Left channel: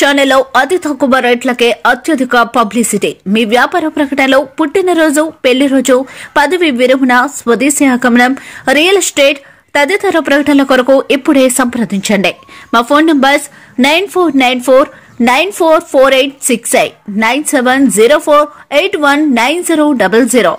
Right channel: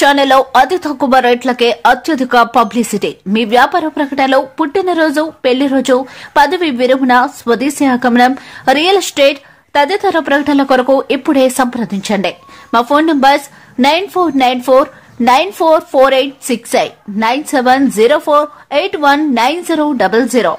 ఛానల్లో అతి తక్కువ రేట్లకే అత్యధిక పబ్లిసిటీ. మీ వ్యాపార ప్రకటనలో పుట్టినరోజు, పెళ్లి రోజు, పదవి విరమణ, స్వదేశీ ఆగమనం, రియల్ ఎస్టేట్ తదితర ప్రకటనల కొరకు ఇప్పుడే సంప్రదించండి. మా ఫోన్ నంబర్స్ 9494944868 9704819000.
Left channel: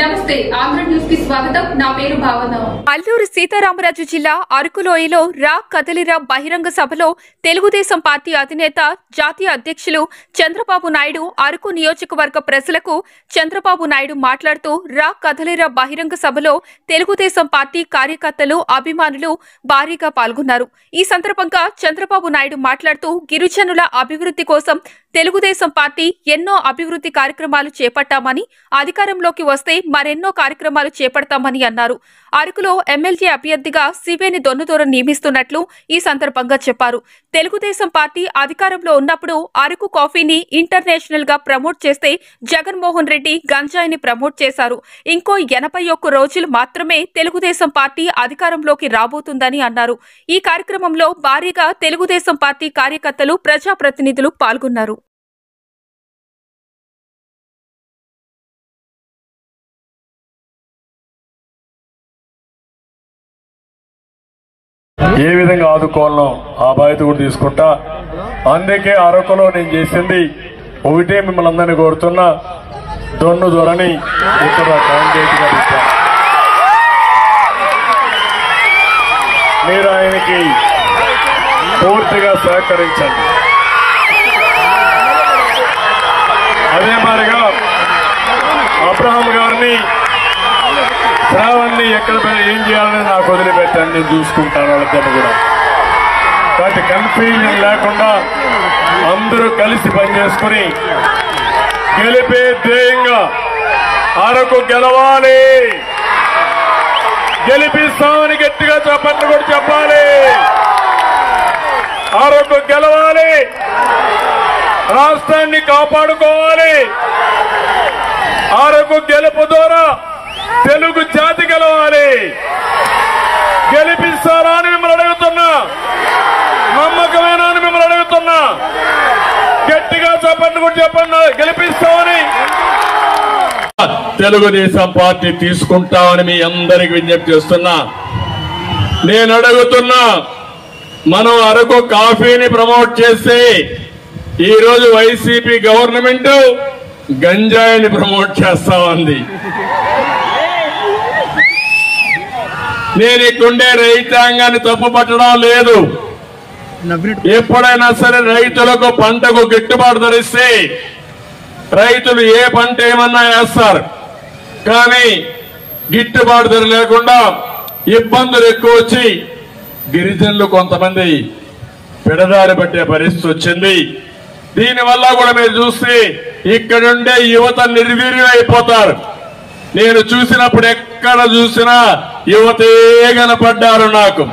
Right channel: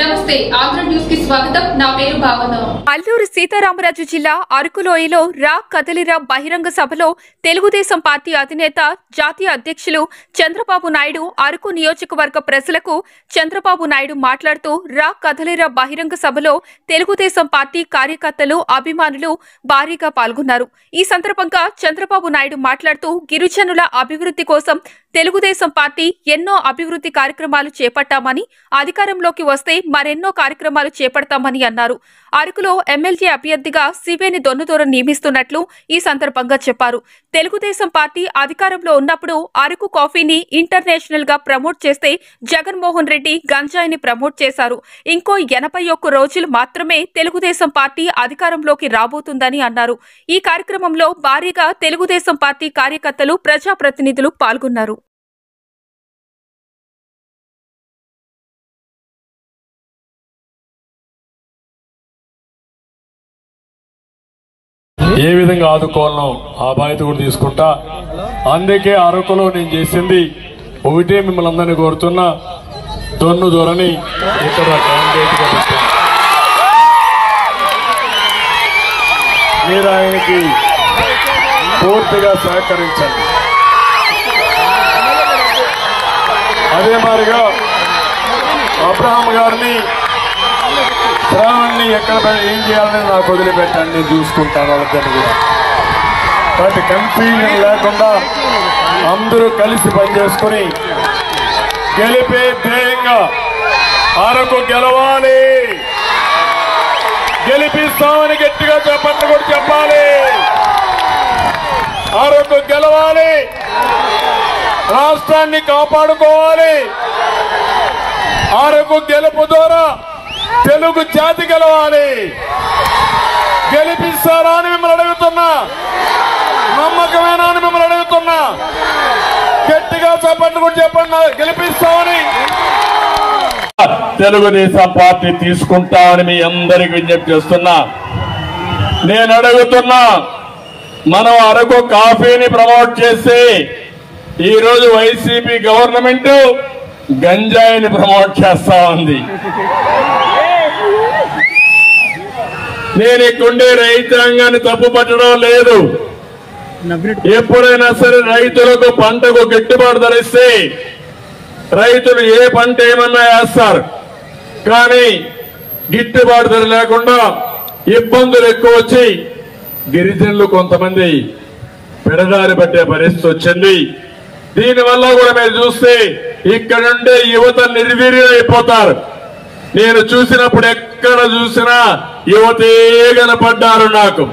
నమస్తే, ఆంధ్ర న్యూస్ కి స్వాగతం. నా పేరు భావన. అల్లూరు సీతారామరాజు జిల్లా అరకులోయలో రా కదలిరా బహిరంగ సభలో తెలుగుదేశం పార్టీ అధినేత, జాతీయ అధ్యక్షులు చంద్రబాబు నాయుడు అరకు నియోజకవర్గ ప్రజలకు చంద్రబాబు నాయుడు మాట్లాడుతూ రా కదలిరా బహిరంగ సభలో తెలుగుదేశం పార్టీ కార్యకర్తలు, అభిమానులు భారీగా పాల్గొన్నారు. ఈ సందర్భంగా చంద్రబాబు నాయుడు మాట్లాడుతూ గిరిజనుల అభివృద్ధి కోసం తెలుగుదేశం పార్టీ ఎన్నో అభివృద్ధి కార్యక్రమాలు చేపట్టామని, అధికారంలోకి వస్తే మరెన్నో కార్యక్రమాలు చేపడతామని అన్నారు. అరకులో ఎమ్మెల్యే అభ్యర్థిగా సివేని దొన్నుదూరం నియమిస్తున్నట్లు ఈ సందర్భంగా చెప్పారు. తెలుగుదేశం పార్టీ అధికారంలో ఉన్నప్పుడు అరకు కాఫీని ఇంటర్నేషనల్ గా ప్రమోట్ చేస్తే జగన్మోహన్ రెడ్డి గంజాయిని ప్రమోట్ చేశారు. ఇంకో 81 రోజులు మాత్రమే తెలుగుదేశం పార్టీ అధికారంలోకి రాబోతుందని అన్నారు. ఈ కార్యక్రమంలో భారీగా తెలుగుదేశం పార్టీ కార్యకర్తలు, ప్రజాప్రతినిధులు పాల్గొన్నారు. ఏ విధంగా ఆదుకోవాలనో ఆ బాధ్యత కూడా తీసుకుంటా. అందుకే అరకులో నేను చేసింది ఒకటే, మిమ్మల్ని అందరినీ కోరుతున్నా, దొన్ను దొరని ఇక్కడ క్యాండిడేట్ గా ఇస్తాను. మీరు ఆయనకి పూర్తిగా సహకరించండి. అదే మాదిరిగా అబ్రహాం గారిని, శ్రావణ్ని ఎక్కడ ఏం చేయాలని నాకు వదిలిపెట్టండి, నేను చూసుకుంటాను వాళ్ళిద్దరిని కూడా. కాబట్టి కన్ఫ్యూజన్ లేకుండా అందరూ కలిసి పనిచేసుకుని గెలిపే ధ్యేయంగా అరకు గెలవాలి, గెలిపిస్తామని గట్టిగా చెప్పండి కూడా చెప్పాలి. అరకు గెలవాలి, రాష్ట్రాన్ని కాపాడుకోవాలి. అరకు గెలుపు ద్వారా తెలుగు జాతి గెలవాలి. గెలిపిస్తారా అని మిమ్మల్ని అడుగుతున్నా, నమ్మకమేనా అని మిమ్మల్ని అడుగుతున్నా. గట్టిగా చెప్పండి కూడా చెప్పండి, గెలిపిస్తామని. తెలుగుదేశం పార్టీ తీసుకుంటామని మీ అందరికి విజ్ఞప్తి చేస్తున్నా. నేను అడుగుతున్నా, మనం అరకు కాఫీని ప్రమోట్ చేసి ఈరోజు వైసీపీ గవర్నమెంట్ గంజాయిని ప్రమోట్ చేస్తా ఉంది. నేను ఇక్కడుండే రైతాంగాన్ని తప్పు పట్టడం లేదు. ఎప్పుడైనా సరే రైతులకు పంటకు గిట్టుబాటు ధరిస్తే రైతులు ఏ పంట ఏమన్నా వేస్తారు, కానీ గిట్టుబాటు ధర లేకుండా ఇబ్బందులు ఎక్కువ వచ్చి గిరిజనులు కొంతమంది పెడదారి పట్టే పరిస్థితి వచ్చింది. దీనివల్ల కూడా మీరు చూస్తే ఇక్కడ నుండే యువత నిర్వీర్యం అయిపోతారు. నేను చూసినప్పుడు ఎక్కడ చూసినా యువతే కనపడ్డారు నాకు.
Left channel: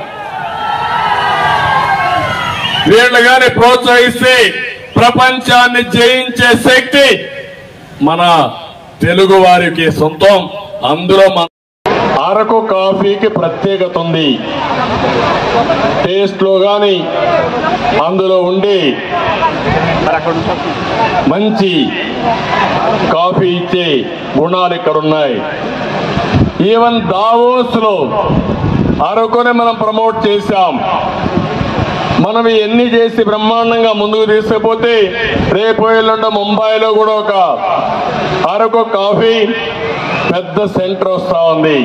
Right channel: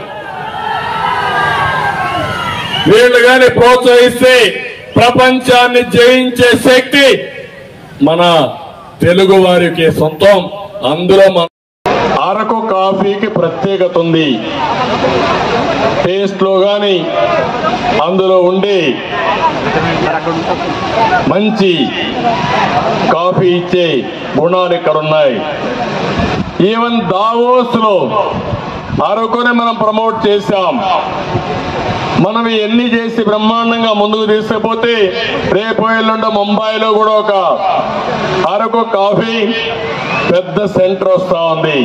వీళ్ళు గాని ప్రోత్సహిస్తే ప్రపంచాన్ని జయించే శక్తి మన తెలుగు వారికి సొంతం. అందులో మన అరకు కాఫీకి ప్రత్యేకత ఉంది. టేస్ట్ లో గాని అందులో ఉండే మంచి కాఫీ ఇచ్చే గుణాలు ఇక్కడ ఉన్నాయి. ఈవెన్ దావోస్ లో అరకుని మనం ప్రమోట్ చేశాం. మనం ఎన్ని చేసి బ్రహ్మాండంగా ముందుకు తీసుకుపోతే రేపు ఎల్లుండి ముంబైలో కూడా ఒక అరకు కాఫీ పెద్ద సెంటర్ వస్తా ఉంది.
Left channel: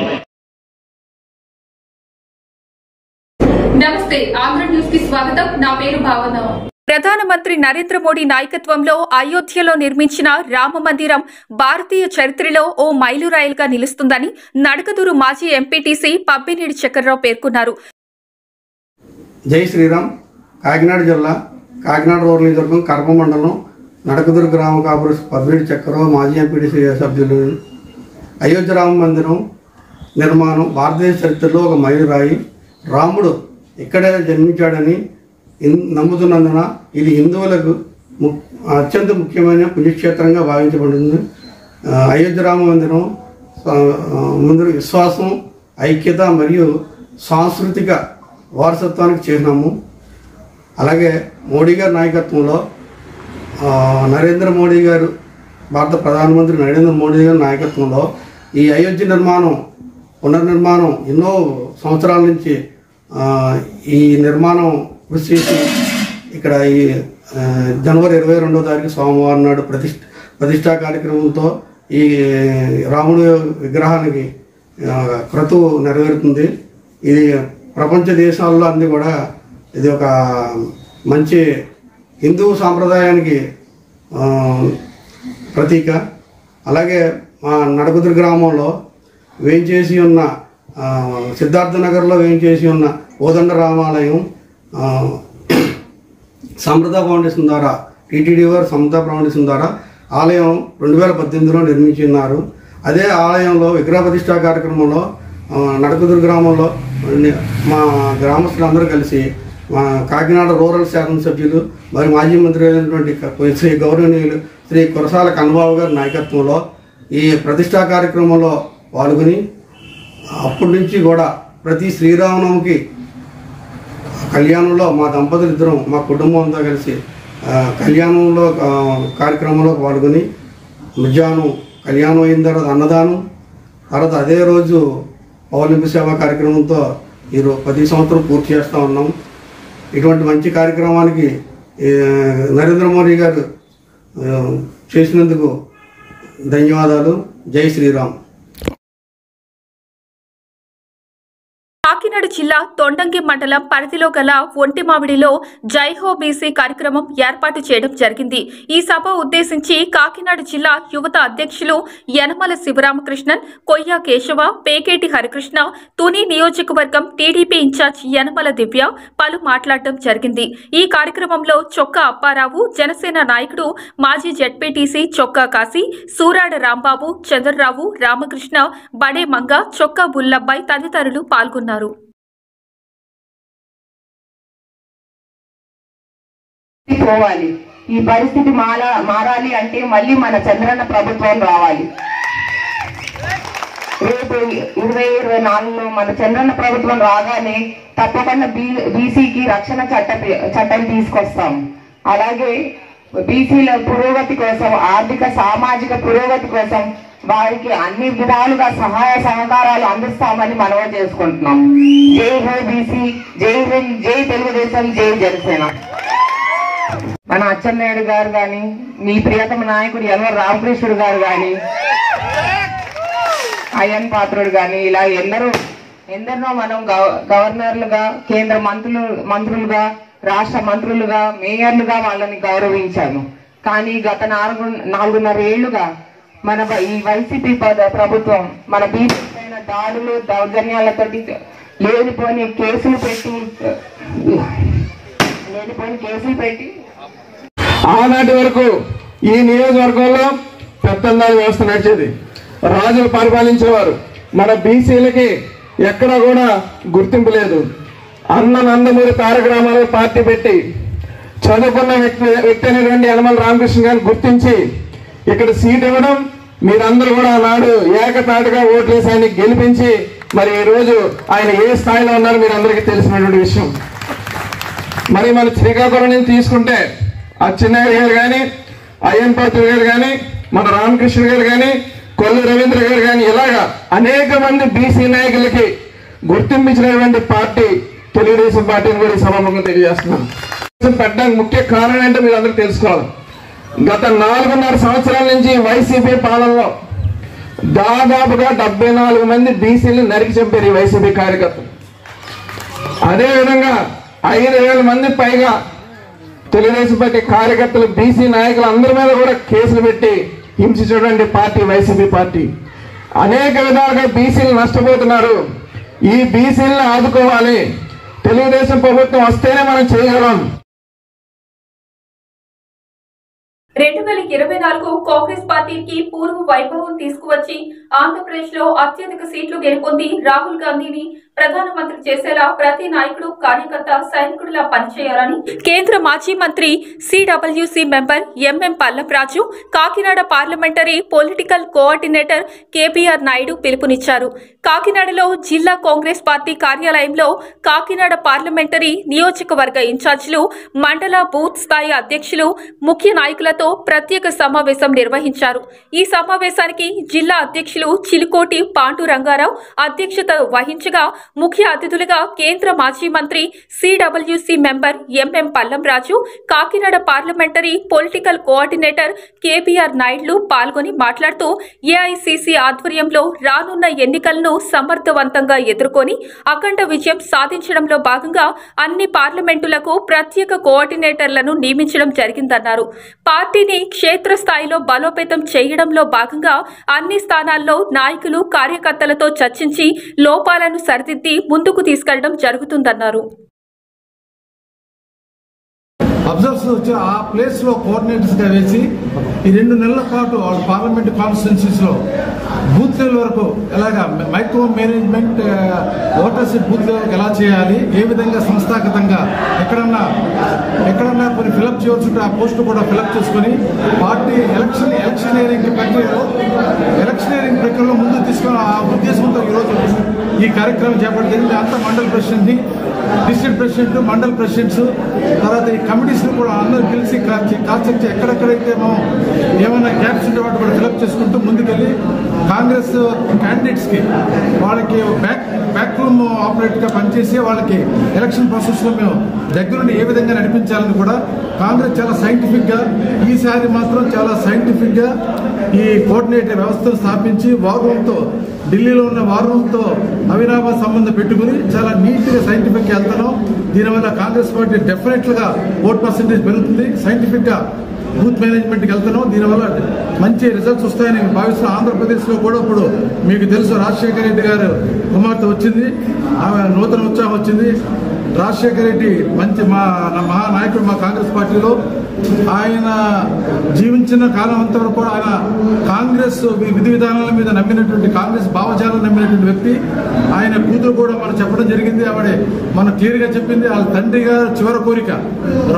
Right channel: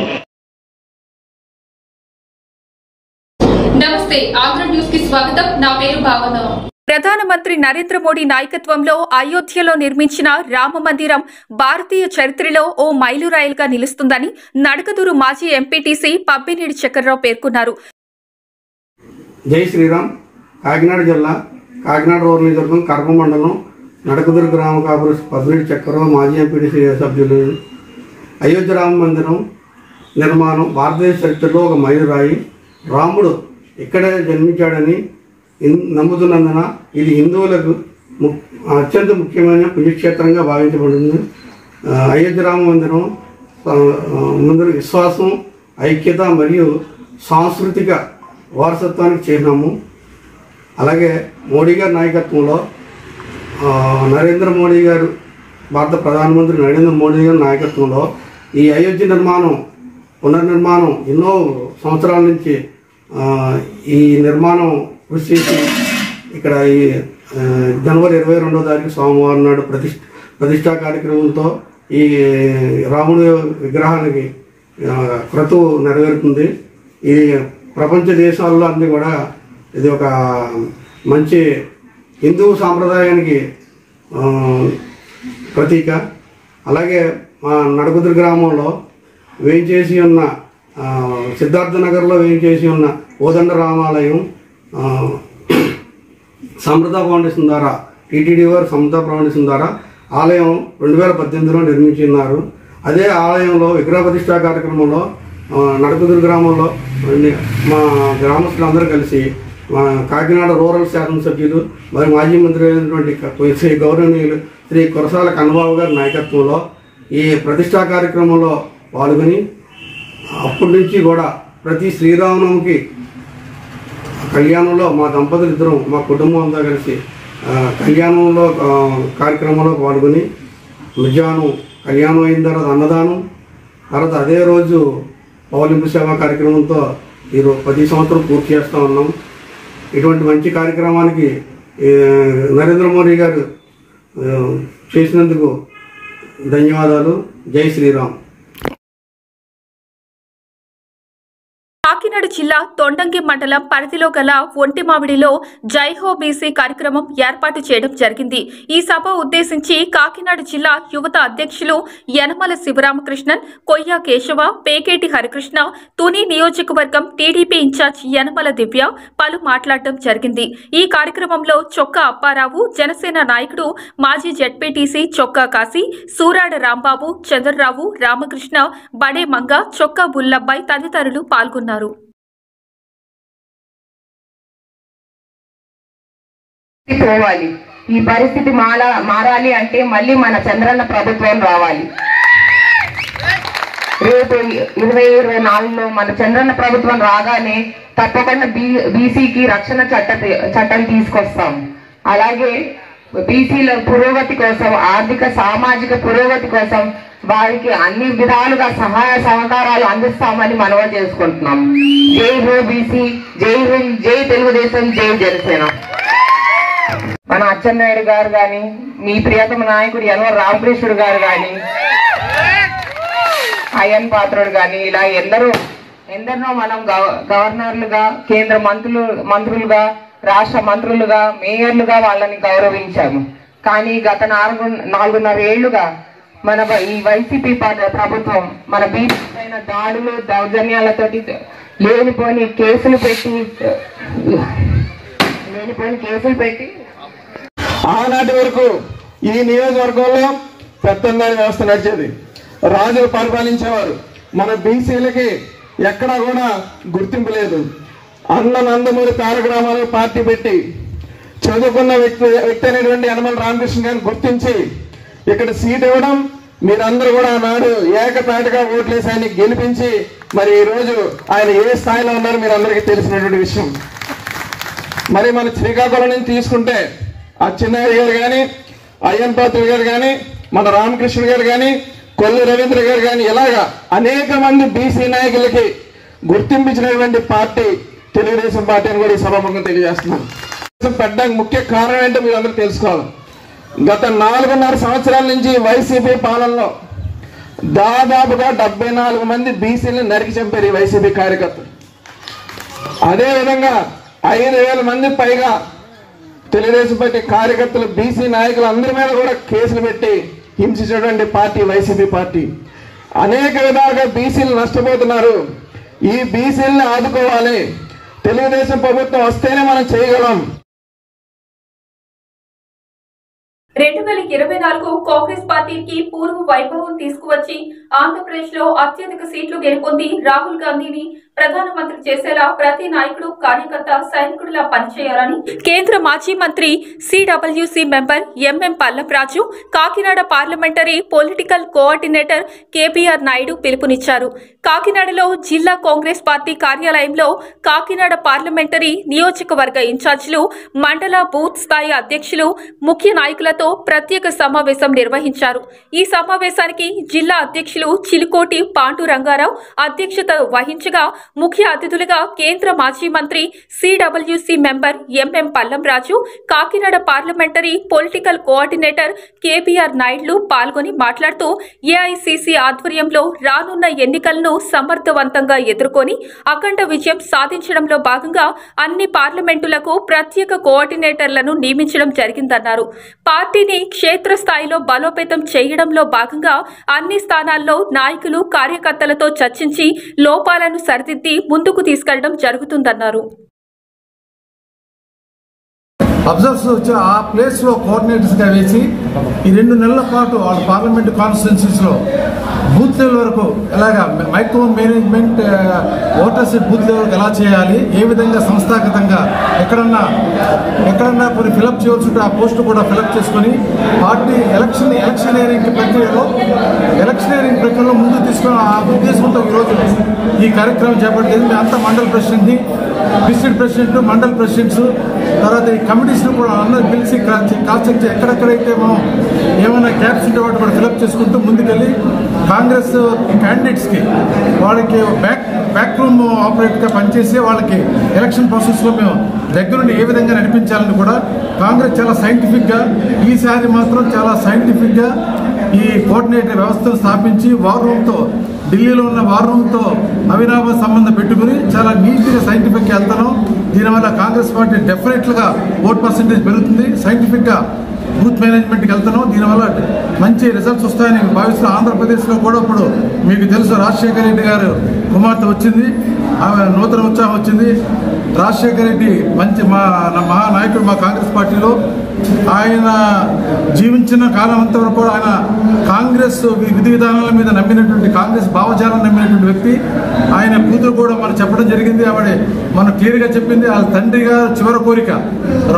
నమస్తే, ఆంధ్ర న్యూస్ కి స్వాగతం. నా పేరు భావన. ప్రధానమంత్రి నరేంద్ర మోడీ నాయకత్వంలో అయోధ్యలో నిర్మించిన రామ మందిరం భారతీయ చరిత్రలో ఓ మైలురాయిలుగా నిలుస్తుందని నడకదూరు మాజీ ఎంపీటీసీ పబ్బినేడి చక్రరావు పేర్కొన్నారు. జై శ్రీరామ్. కాకినాడ జిల్లా కాకినాడ రూరల్ నియోజకవర్గం కడప మండలం నడకదూరు గ్రామ కాపురు పబ్బినేడి చక్రరావు మాజీ ఎంపీటీసీ సభ్యులు. అయోధ్య రామ మందిరం నిర్మాణం భారతదేశ చరిత్రలో ఒక మైలురాయి. రాముడు ఇక్కడే జన్మించాడని నమ్ముతున్నందున ఇది హిందువులకు అత్యంత ముఖ్యమైన పుణ్యక్షేత్రంగా భావించబడింది. అయోధ్య రామ మందిరం ముందు విశ్వాసం, ఐక్యత మరియు సాంస్కృతిక వారసత్వానికి చిహ్నము. అలాగే మోడీ గారి నాయకత్వంలో నరేంద్ర మోడీ గారు, భారత ప్రధానమంత్రి నరేంద్ర మోడీ గారి నాయకత్వంలో ఈ అయోధ్య పునర్నిర్మాణం ఎన్నో సంవత్సరాల నుంచి ఈ నిర్మాణం కృషి చేసి ఇక్కడ ఈ జనవరి 22వ తారీఖు సోమవారం నాడు ప్రతిష్టా కార్యక్రమంతో ఈ రాముడి విగ్రహానికి క్రతువు నెరవేరుతుంది. ఇది ప్రపంచ దేశాల్లో అన్ని కూడా ఇది ఒక మంచి హిందూ సాంప్రదాయానికి ప్రతీక. అలాగే మా నడకుదురు గ్రామంలో వేయించేసి ఉన్న సిద్ధార్థ నగర్లో వేయించేసి ఉన్న కోదండ రామాలయం సమృద్ధ ఫౌండేషన్ ద్వారా, టీటీడీ వారు సమృద్ధ ఫౌండేషన్ ద్వారా ఆలయం 2018లో నిర్మించున్నారు. అదే ఆలయంలో విగ్రహ ప్రతిష్టా కార్యక్రమంలో నడకుదురు గ్రామంలో మా గ్రామస్తులందరూ కలిసి మా కాకినాడ రూరల్ శాసనసభ్యులు మరియు మాజీ మంత్రి అయినటువంటి శ్రీ గౌరవనీయులు శ్రీ కురసాల కన్నబాబు గారి నాయకత్వంలో ఈ ప్రతిష్టా కార్యక్రమంలో పాల్గొని అప్పటి నుంచి కూడా ప్రతి శ్రీరామనవమికి కళ్యాణంలో మా దంపతులు ఇద్దరం మా కుటుంబంతో కలిసి కళ్యాణంలో కార్యక్రమంలో పాల్గొని మధ్యాహ్నం కళ్యాణం అయిన తర్వాత అన్నదానం, తర్వాత అదే రోజు పౌలింపు సేవా కార్యక్రమంతో ఈరోజు 10 సంవత్సరం పూర్తి చేస్తూ ఉన్నాం. ఇటువంటి మంచి కార్యక్రమానికి నరేంద్ర మోడీ గారు చేసినందుకు ధన్యవాదాలు. జై శ్రీరామ్. కాకినాడ జిల్లా తొండంగి మండలం పరిధిలో గల ఒంటిమామిడిలో జైహో బీసీ కార్యక్రమం ఏర్పాటు చేయడం జరిగింది. ఈ సభ ఉద్దేశించి కాకినాడ జిల్లా యువత అధ్యక్షులు యనమల శివరామకృష్ణన్, కొయ్య కేశవ, పేకేటి హరికృష్ణ, తుని నియోజకవర్గం టీడీపీ ఇన్ఛార్జ్ యనమల దివ్య పలు మాట్లాడటం జరిగింది. ఈ కార్యక్రమంలో చొక్కా అప్పారావు, జనసేన నాయకుడు మాజీ జెడ్పీటీసీ చొక్కా కాశీ, సూరాడ రాంబాబు, చంద్రరావు, రామకృష్ణ, బడే మంగ, చొక్కా బుల్లబ్బాయి తదితరులు పాల్గొన్నారు. పోవాలి. ఈ పరిస్థితి మారాలి అంటే మళ్ళీ మన చంద్రన్న ప్రభుత్వం రావాలి. రేపు 2024లో మన చంద్రన్న ప్రభుత్వం రాగానే తప్పకుండా బీసీకి రక్షణ చట్టం తీసుకొస్తాం. అలాగే బీసీల పురోగతి కోసం, ఆర్థిక సామాజిక పురోగతి కోసం వారికి అన్ని విధాలుగా సహాయ సహకారాలు అందిస్తామని మనవి చేసుకుంటున్నాం. జై హో బీసీ, జై హో, జై తెలుగుదేశం, జై జనసేన. మన అచ్చెన్నాయుడు గారు గాని, మీ ప్రియతమ నాయకుడు యనమల రామకృష్ణుడు గారు గాని, అయ్యన్ పాత్రుడు గాని, ఇలా ఎందరినో మనం గవర్నర్లుగా, కేంద్ర మంత్రులుగా, రాష్ట్ర మంత్రులుగా, మేయర్లుగా వాళ్ళని గౌరవించాము. కానీ గత 4.5 ఏళ్లుగా మన ఈ వైసీపీ ప్రభుత్వం మన బీసీ పైన దాడులు, దౌర్జన్యాలతోటి లేనిపోని కేసులు పెట్టి ఆనాటి వరకు ఈ నియోజకవర్గంలో పెత్తందారి వ్యవస్థ నడిచేది. రాజులు పరిపాలించేవారు. మన బీసీలకి ఎక్కడా కూడా గుర్తింపు లేదు. నందమూరి తారక రామారావు పార్టీ పెట్టి చదువుకున్న వ్యక్తి అయినటువంటి యనమల రామకృష్ణ గారిని గుర్తించి ఇక్కడ సీట్ ఇవ్వడం, మీరందరూ కూడా నాడు ఏకతాటిగా ఓట్లేసి ఆయన గెలిపించి మరి ఈ రోజు ఆయన ఏ స్థాయిలో ఉన్నారో మీరు అందరికీ తెలిసినటువంటి విషయం. మరి మన శ్రీకాకుళం నుంచి తీసుకుంటే అచ్చెన్నాయుడు గారు కానీ, అయ్యన్ పాత్రుడు గారు కానీ, మన రామకృష్ణ గారు కానీ, కొల్లు రవీంద్ర గారు కానీ, ఇలాగా అనేక మంది బీసీ నాయకులకి గుర్తింపించినటువంటి పార్టీ తెలుగుదేశం పార్టీ అని కూడా ఈ సభాముఖంగా తెలియజేస్తున్నాం. పెట్టడానికి ముఖ్య కారణం ఏంటో మీరు అందరూ తెలుసుకోవాలి. గత 4.5 సంవత్సరాల నుంచి వైసీపీ పాలనలో దాదాపుగా 74 మంది బీసీలు నరికి చంపారు ఈ వైసీపీ కార్యకర్తలు. అదేవిధంగా 5,000 మంది పైగా తెలుగుదేశం పార్టీ కార్యకర్తలు, బీసీ నాయకులు అందరి మీద కూడా కేసులు పెట్టి హింసించినటువంటి పార్టీ వైసీపీ పార్టీ. అనేక విధాలుగా బీసీలు నష్టపోతున్నారు. ఈ బీసీలను ఆదుకోవాలి. తెలుగుదేశం ప్రభుత్వం వస్తేనే మనం చేయగలం. 2024 కాంగ్రెస్ పార్టీకి పూర్వ వైభవం తీసుకువచ్చి ఆంధ్రప్రదేశ్ లో అత్యధిక సీట్లు గెలుపొంది రాహుల్ గాంధీని ప్రధానమంత్రి చేసేలా ప్రతి నాయకుడు కార్యకర్త సైనికుడిలా పనిచేయాలని కేంద్ర మాజీ మంత్రి CWC member MM Pallavaraju, Kakinada parliamentary political coordinator KBR Naidu పిలుపునిచ్చారు. కాకినాడలో జిల్లా కాంగ్రెస్ పార్టీ కార్యాలయంలో కాకినాడ పార్లమెంటరీ నియోజకవర్గ ఇన్ఛార్జీలు, మండల బూత్ స్థాయి అధ్యక్షులు, ముఖ్య నాయకులతో ప్రత్యేక సమావేశం నిర్వహించారు. ఈ సమావేశానికి జిల్లా అధ్యక్షులు చిలుకోటి పాండురంగారావు అధ్యక్షత వహించగా ముఖ్య అతిథులుగా కేంద్ర మాజీ మంత్రి CWC member MM Pallam Raju, Kakinada parliamentary political coordinator KBR Naidu పాల్గొని మాట్లాడుతూ ఏఐసిసి ఆధ్వర్యంలో రానున్న ఎన్నికలను సమర్థవంతంగా ఎదుర్కొని అఖండ విజయం సాధించడంలో భాగంగా అన్ని పార్లమెంటులకు ప్రత్యేక కోఆర్డినేటర్లను నియమించడం జరిగిందన్నారు. పార్టీని క్షేత్రస్థాయిలో బలోపేతం చేయడంలో భాగంగా అన్ని స్థానాల్లో నాయకులు కార్యకర్తలతో చర్చించి లోపాలను సరిదిద్ది ముందుకు తీసుకెళ్లడం జరుగుతుందన్నారు. అబ్జర్వర్స్ వచ్చి ఆ ప్లేస్ లో కోఆర్డినేటర్స్ గా వేసి ఈ 2 నెలల పాటు వాళ్ళ పార్లమెంట్ కాన్స్టిట్యున్సీస్ లో బూత్ లెవెల్ వరకు ఎలాగా micro management voters booth level ఎలా చేయాలి, ఏ విధంగా సంస్థాగతంగా ఎక్కడన్నా కొన్ని ఫిలప్ చేయవలసి ఉంటే ఆ పోస్టు కూడా ఫిలప్ చేసుకుని పార్టీ ఎలక్షనీరింగ్ ప్రక్రియలో ముందుకు తీసుకుని ఆ ఉద్దేశంతో ఈరోజు ఈ కార్యక్రమం చేపట్టింది. అంతా మండల ప్రెసిడెంట్ని, డిస్ట్రిక్ట్ ప్రెసిడెంట్, మండల్ ప్రెసిడెంట్స్, తర్వాత ఈ కమిటీస్ కూడా అందరూ పిలిచి కాస్ట్ ఎక్కడెక్కడైతే మనం ఏమైనా గ్యాప్స్ ఉంటే వాటి కూడా ఫిలప్ చేసుకుంటూ ముందుకెళ్ళి కాంగ్రెస్ క్యాండిడేట్స్ కి వాళ్ళకి బ్యాక్ రూమ్ ఆపరేటర్ గా పనిచేసి వాళ్ళకి ఎలక్షన్ ప్రాసెస్ లో మేము దగ్గరుండి ఏ విధంగా నడిపించాలని కూడా కాంగ్రెస్ చాలా సైంటిఫిక్ గా, ఈసారి మాత్రం చాలా సైంటిఫిక్ గా ఈ కోఆర్డినేటర్ వ్యవస్థను స్థాపించి వార్ రూమ్ తో, ఢిల్లీలో ఉన్న వార్ రూమ్ తో అవినాభావ సంబంధం పెట్టుకుని చాలా నీట్ గా సైంటిఫిక్ గా వెళ్తున్నాం. దీనివల్ల కాంగ్రెస్ పార్టీ డెఫినెట్ గా ఓట్ పర్సెంటేజ్ పెరుగుతుంది. సైంటిఫిక్ గా బూత్ మేనేజ్మెంట్ కి వెళ్తున్నాం. దీనివల్ల మంచి రిజల్ట్స్ వస్తాయని భావిస్తున్నాం. ఆంధ్రప్రదేశ్ లో కూడా ఇప్పుడు మీకు తెలుసు రాజశేఖర రెడ్డి గారు కుమార్తె వచ్చింది, ఆమె నూతన ఉత్సాహం వచ్చింది. రాజశేఖర రెడ్డి మంచి మహానాయకుడు మా కాంగ్రెస్ పార్టీలో. ఆయన జీవించిన కాలం అంతా వరకు కూడా ఆయన కాంగ్రెస్ విధి విధానాల మీద నమ్మినటువంటి, కాంగ్రెస్ భావజాలం నమ్మినటువంటి వ్యక్తి. ఆయన కూతురు కూడా మనం చెప్పడం జరిగింది, ఆవిడ మనం క్లియర్ గా చెప్పింది. వాళ్ళ తండ్రిగా చివరి కోరిక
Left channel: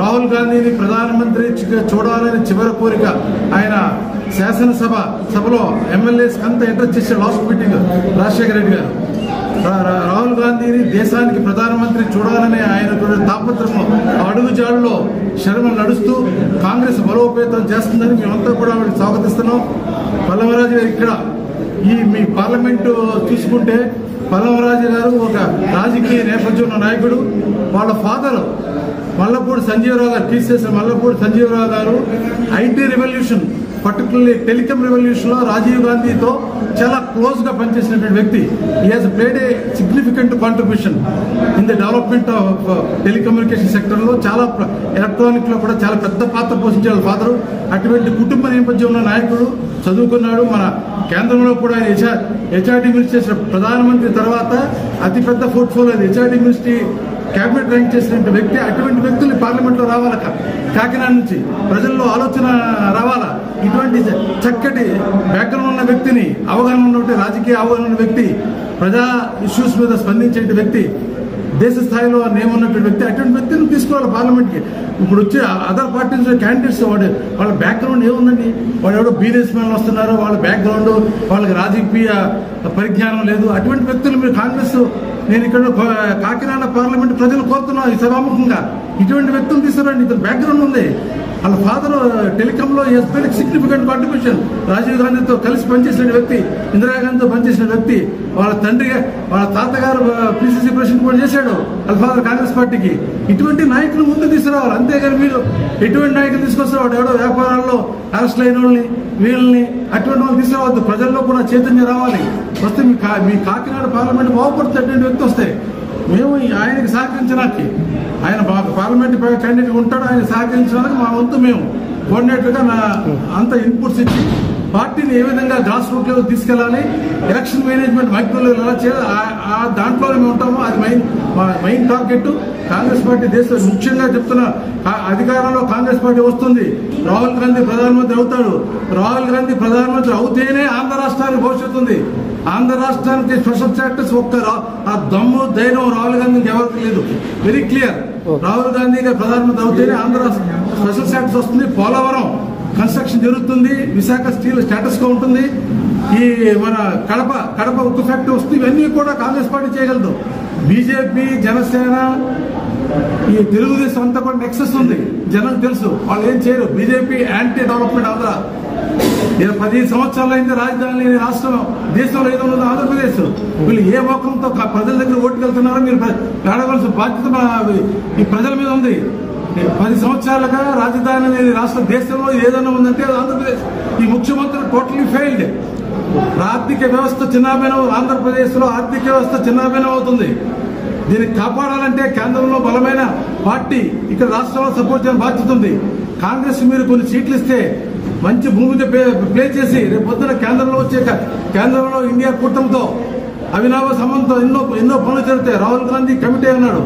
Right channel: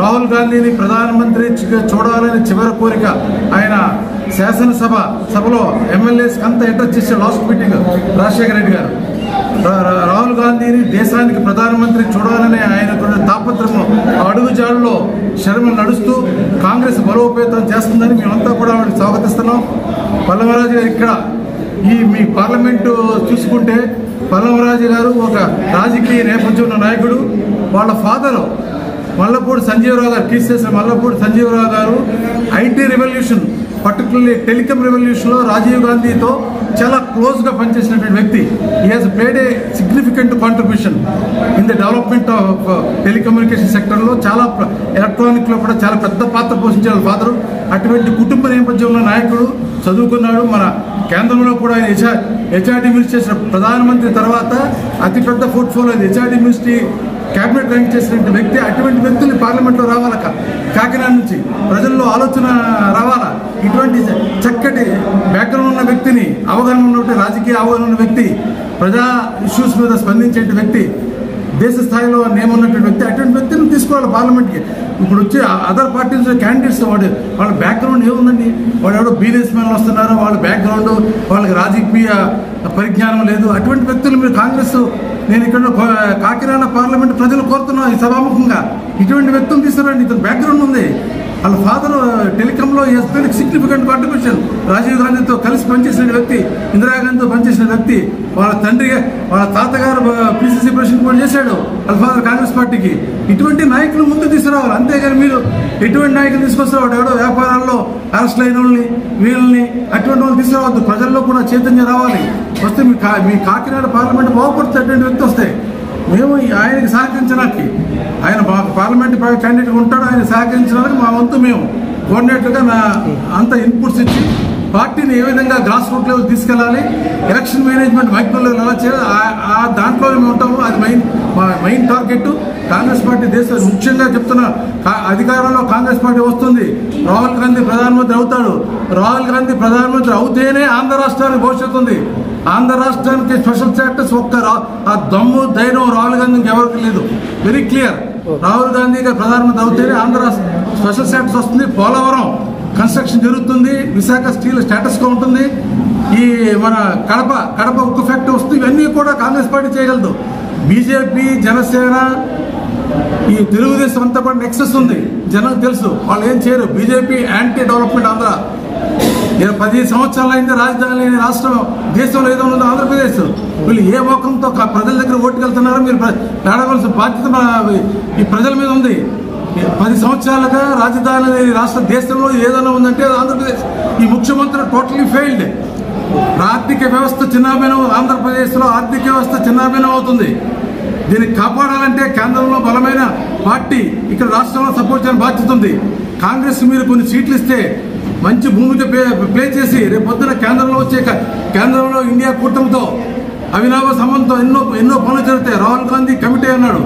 రాహుల్ గాంధీని ప్రధానమంత్రి చూడాలని చివరి కోరిక. ఆయన శాసనసభలో ఎమ్మెల్యేస్ అంతా అడ్రస్ చేసే లాస్ట్ మీటింగ్ రాజశేఖర రెడ్డి గారు రాహుల్ గాంధీని దేశానికి ప్రధానమంత్రి చూడాలని ఆయన తాపత్రము అడుగుజాడులో శరణం నడుస్తూ కాంగ్రెస్ బలోపేతం చేస్తుందని మేమంతా కూడా ఆవిడకి స్వాగతిస్తున్నాం. పల్లవరాజు గారు ఇక్కడ ఈ మీ పార్లమెంటు చూసుకుంటే పల్లవరాజు గారు ఒక రాజకీయ నేపథ్యం ఉన్న నాయకుడు. వాళ్ళ ఫాదర్ మల్లపూడి సంజీవరావు గారు, తీసేసిన మల్లపూడి సంజీవరావు గారు IT revolution, particularly telecom revolution లో రాజీవ్ గాంధీతో చాలా క్లోజ్ గా పనిచేసినటువంటి వ్యక్తి. He has played a significant contribution in the development of telecommunication sector లో, చాలా ఎలక్ట్రానిక్ లో కూడా చాలా పెద్ద పాత్ర పోషించారు ఫాదరు. అటువంటి కుటుంబ నేపథ్యంలో నాయకుడు, చదువుకున్నాడు. మన కేంద్రంలో కూడా ఆయన హెచ్ఆర్డీ మినిస్ట్రీ చేసిన ప్రధానమంత్రి తర్వాత అతిపెద్ద portfolio HRD ministry cabinet rank చేసినటువంటి వ్యక్తి. అటువంటి వ్యక్తులు పార్లమెంట్ లో రావాల, కాకినాడ నుంచి ప్రజల్లో ఆలోచన రావాలా. ఇటువంటి చక్కటి బ్యాక్గ్రౌండ్ ఉన్న వ్యక్తిని, అవగాహన ఉన్నటువంటి రాజకీయ అవగాహన ఉన్న వ్యక్తి, ప్రజా ఇష్యూస్ మీద స్పందించే వ్యక్తి, దేశ స్థాయిలో నేమున్నటువంటి వ్యక్తి, అటువంటి వ్యక్తిని తీసుకోవాలి పార్లమెంట్కి. ఇప్పుడు వచ్చే అదర్ పార్టీస్ క్యాండిడేట్స్ వాళ్ళ బ్యాక్గ్రౌండ్ ఏముందండి? వాళ్ళు ఎవరో బిజినెస్ మ్యాన్ వస్తున్నారు, వాళ్ళ బ్యాక్గ్రౌండ్, వాళ్ళకి రాజకీయ పరిజ్ఞానం లేదు. అటువంటి వ్యక్తులు మీరు కాంగ్రెస్, నేను ఇక్కడ కాకినాడ పార్లమెంట్ ప్రజలు కోరుతున్నాం ఈ సభాముఖంగా, ఇటువంటి వ్యక్తులు తీసుకురండి. ఇతను బ్యాక్గ్రౌండ్ ఉంది. వాళ్ళ ఫాదర్ టెలికాంలో సిగ్నిఫికెంట్ కాంట్రిబ్యూషన్, రాజీవ్ గాంధీతో కలిసి పనిచేసిన వ్యక్తి, ఇందిరాగాంధీతో పనిచేసిన వ్యక్తి. వాళ్ళ తండ్రి, వాళ్ళ తాతగారు పిసిసి ప్రెసిడెంట్ కూడా చేశాడు వాళ్ళ ఫాదర్ కాంగ్రెస్ పార్టీకి. ఇటువంటి నాయకులు ముందు తీసుకురావాలి. అంతేగాని మీరు ఎటువంటి నాయకులు తీసుకొస్తారు ఎవడో వ్యాపారాల్లో అరెస్ట్ అయిన వాళ్ళని, వీళ్ళని, అటువంటి వాళ్ళు తీసుకురావద్దు. ప్రజల్లో కూడా చైతన్యం రావాలి. వస్తే మీ కాకినాడ పార్లమెంట్ బాగుపడుతుంది అటువంటి వ్యక్తి వస్తే. మేము ఆయనకి సహకరించడానికి, ఆయన పార్లమెంట్ క్యాండిడేట్ ఉంటాడు, ఆయన సహకరించడానికి మా వంతు మేము కోఆర్డినేటర్గా అంత ఇన్పుట్స్ ఇచ్చి పార్టీని ఏ విధంగా గ్రాస్ రూట్ లెవెల్ తీసుకెళ్లాలి, ఎలక్షన్ మేనేజ్మెంట్ మైక్రో లెవెల్ ఎలా చేయాలి, ఆ దాంట్లోనే మేము ఉంటాము. అది మెయిన్ టార్గెట్. కాంగ్రెస్ పార్టీ ముఖ్యంగా చెప్తున్నా, అధికారంలో కాంగ్రెస్ పార్టీ వస్తుంది, రాహుల్ గాంధీ ప్రధానమంత్రి అవుతాడు. రాహుల్ గాంధీ ప్రధానమంత్రి అవుతేనే ఆంధ్ర రాష్ట్రానికి భవిష్యత్తు ఉంది. ఆంధ్ర రాష్ట్రానికి స్పెషల్ స్టాటస్ ఆ దమ్ము ధైర్యం రాహుల్ గాంధీకి ఎవరికి లేదు. Very clear. రాహుల్ గాంధీ గారు ప్రధానమంత్రి అవుతేనే ఆంధ్ర స్పెషల్ స్టాటస్ వస్తుంది. పోలవరం కన్స్ట్రక్షన్ జరుగుతుంది. విశాఖ స్టీల్ స్టేటస్ గా ఉంటుంది. ఈ మన కడప ఉక్కు ఫ్యాక్టరీ వస్తుంది. ఇవన్నీ కూడా కాంగ్రెస్ పార్టీ చేయగలదు. బీజేపీ, జనసేన, ఈ తెలుగుదేశం అంతా కూడా నెక్సెస్ ఉంది. జనం తెలుసు, వాళ్ళు ఏం చేయరు. BJP anti development. ఆంధ్ర 10 సంవత్సరాలు అయింది రాజధాని లేని రాష్ట్రం దేశంలో ఏదో ఉందో ఆంధ్రప్రదేశ్. వీళ్ళు ఏ మోకంతో ప్రజల దగ్గర ఓటుకెళ్తున్నారో మీరు అడగవలసిన బాధ్యత ఈ ప్రజల మీద ఉంది. 10 సంవత్సరాలుగా రాజధాని లేని రాష్ట్ర దేశంలో ఏదైనా ఉందంటే ఆంధ్రప్రదేశ్. ఈ ముఖ్యమంత్రి టోటలీ ఫెయిల్డ్. ఆర్థిక వ్యవస్థ చిన్నాభిన్నం. ఆంధ్రప్రదేశ్ లో ఆర్థిక వ్యవస్థ చిన్నాభిన్నం అవుతుంది. దీన్ని కాపాడాలంటే కేంద్రంలో బలమైన పార్టీ, ఇక్కడ రాష్ట్రంలో సపోర్ట్ చేయాలని బాధ్యత ఉంది. కాంగ్రెస్ మీరు కొన్ని సీట్లు ఇస్తే మంచి భూమిక ప్లే చేసి రేపు పొద్దున కేంద్రంలో ఇండియా కూటమితో అవినావ సంబంధంతో ఎన్నో పనులు జరుగుతాయి. రాహుల్ గాంధీ కమిటీ అన్నాడు.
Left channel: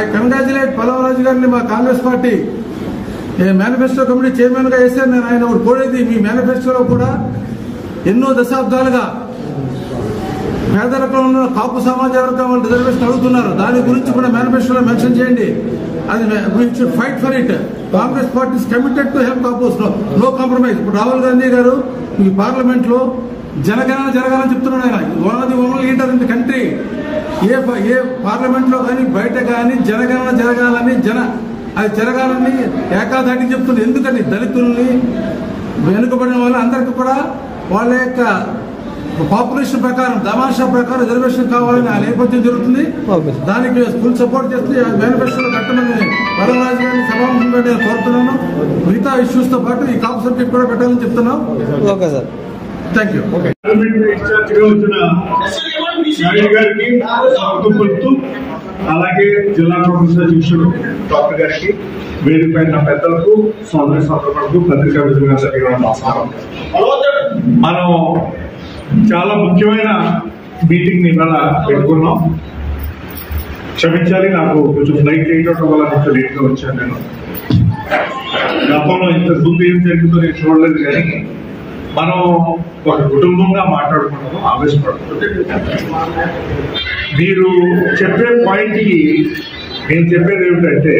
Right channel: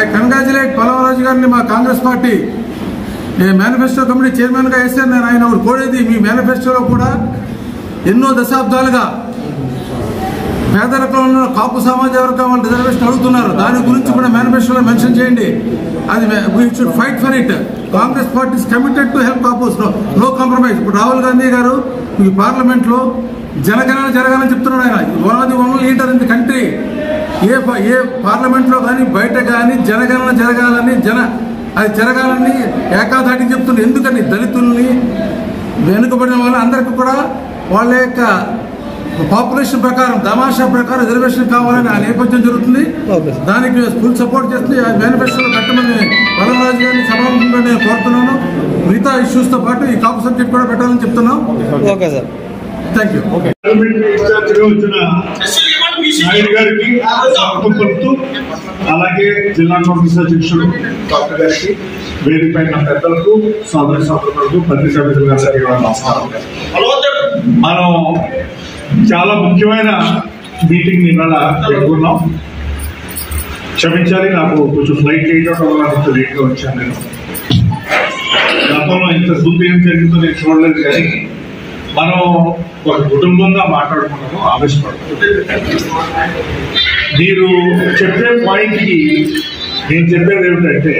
ఐ కంగ్రాచులేట్ పల్లవరాజు గారిని, మా Congress party manifesto committee chairman గా వేశారు. నేను ఆయన కోరేది, మీ మేనిఫెస్టోలో కూడా ఎన్నో దశాబ్దాలుగా పేదరికంలో ఉన్న కాపు సమాజ వర్గం వాళ్ళు రిజర్వేషన్ అడుగుతున్నారు. దాని గురించి కూడా మేనిఫెస్టోలో మెన్షన్ చేయండి. అది we should fight for it. Congress party is committed to help కాపుస్. No compromise. ఇప్పుడు రాహుల్ గాంధీ గారు ఈ పార్లమెంట్ లో జనగణన జరగాలని చెప్తున్నాడు. ఆయన one of the only leader in the country. A parliament లో కానీ బయట కానీ జనగణన జరగాలని అది జరగాలని ఏకాధాటి చెప్తున్నారు. ఎందుకని దళితుల్ని, వెనుకబడిన వాళ్ళు అందరికీ కూడా వాళ్ళ యొక్క పాపులేషన్ ప్రకారం, తమాషా ప్రకారం రిజర్వేషన్ కావాలని ఆ నేపథ్యం జరుగుతుంది. దానికి ఫుల్ సపోర్ట్ చేస్తుంది. మేనిఫెస్టోలో పెట్టమని పల్లవరాజు గారిని సభాముఖంగా నేను కోరుతున్నాను. మిగతా ఇష్యూస్ తో పాటు ఈ కాపు సబ్జెక్ట్ కూడా పెట్టాలని చెప్తున్నాం. Okay sir, thank you. Naidu గారికి స్వాగతం పలుకుతూ, అలాగే జిల్లా కాంగ్రెస్ అధ్యక్షుడు డాక్టర్ గారికి, వేదికపైన పెద్దలకు, సోదరులకు, పత్రికా విధులందరికీ నమస్కారం. మనం చాలా ముఖ్యమైన మీటింగ్ ఇవాళ పెట్టుకున్నాం. క్షమించాలి, నాకు కొంచెం ఫ్లైట్ లేట్ అవడం వల్ల ఇంత లేట్ గా వచ్చాను. నేను గతంలో ఇంత ముందు ఏం జరిగిందో నేను చూడలేదు, కానీ మనం ఒక కుటుంబంగా మాట్లాడుకున్నాము, ఆవేశపడుతుంది. మీరు చెప్పే పాయింట్ కి నేను చెప్పేది ఏమిటంటే,